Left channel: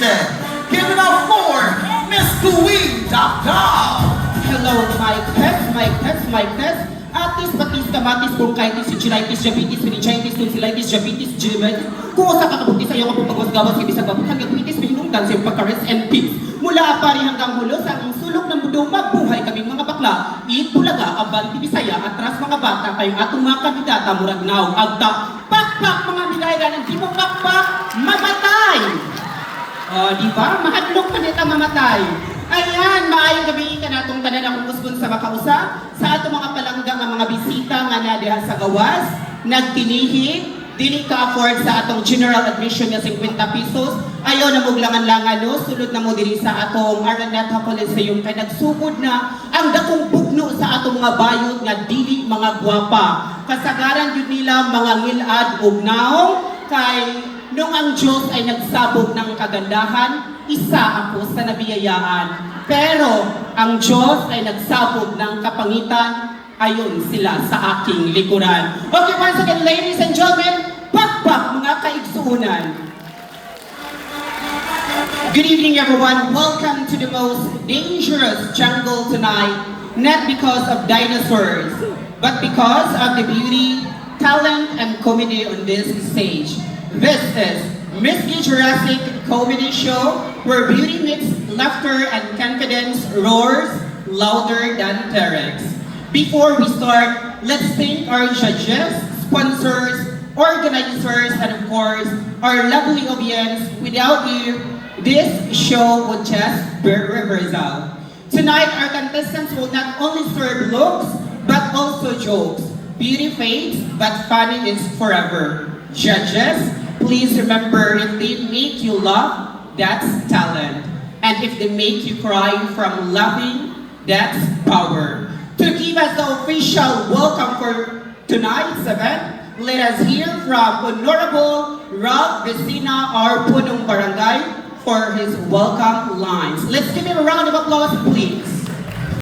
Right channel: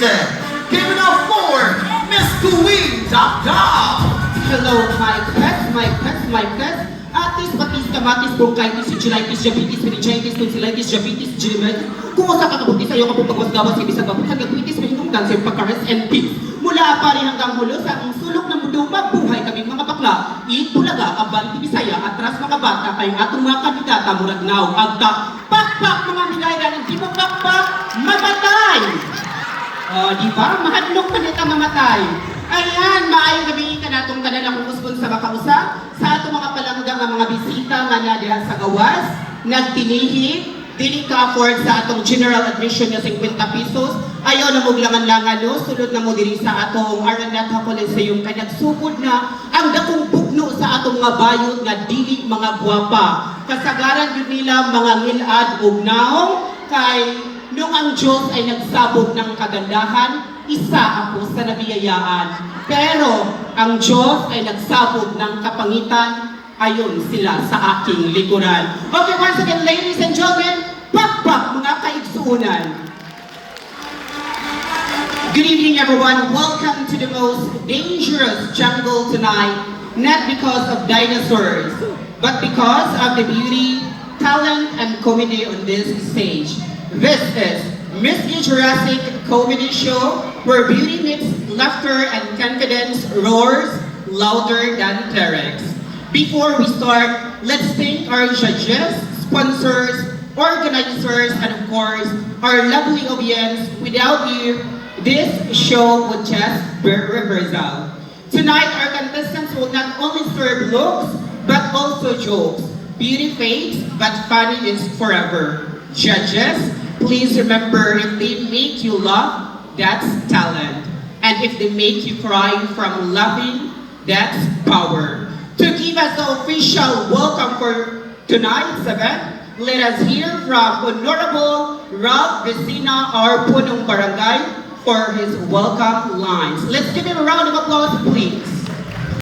Give it up for Miss Queen Dapdap! Hello, my pets. Atis, patis, kamatis, bronchitis, gingitis, diabetes, meningitis, tonsillitis, diabetes, genitis. Kung usa ka kabuti sa iyo, kapag pagwasgawas, hindi sa gabot, hanggang pitis, minimum cancer, pagkares, and peace. Mula pari hanggang hulo sa aming sulok ng mundong mabuhay kaming mga bakla. Bulaga, Abanti, Bisaya, atras mga bata, kayong atong mga kandidata, murag naw, agtak, pakpak mga milaya ng di magpakpak, mamatay! Di ba? Mahadlok pa nito mamatay. Ayan, maayong gabi ka na itong tanan akong kusgon sa makausa sa atong mga palanggang ang mga bisita nga na diha sa gawas, nagtinihi, dili ka afford sa atong general admission na 50 pesos. Ayaw na muglangan-langan no, sunod na mo diri sa atong Araneta Coliseum kay nagsugod na ang dakong bugno sa atong mga bayot nga dili mga gwapa. Kasagaran gid nila mga ngilad ug naong kay nung ang Diyos ay nagsabog ng kagandahan, isa ako sa nabiyayaan. Pero ang Diyos ay nagsabog ng kapangitan, ayon sila sa aking likuran. Okay, once again, ladies and gentlemen, pakpak mga kaigsuunan. Good evening, everyone. Welcome to the most dangerous jungle tonight, not because of dinosaurs, but because of the beauty, talent, and comedy on this stage. This is Miss Jurassic Comedy Show, where beauty meets laughter and confidence roars louder than T-Rex. Before we start, let's thank our judges, sponsors, organizers, and of course, our lovely audience. Without you, this show would just be rehearsal. Tonight, our contestants will not only serve looks, but also jokes. Beauty fades, but funny is forever. Judges, please remember, if they make you laugh, that's talent. And if they make you cry from laughing, that's power. To give us the official welcome for tonight's event, let us hear from Honorable Ralph Vecina, our Punong Barangay, for his welcome lines. Let's give him a round of applause, please.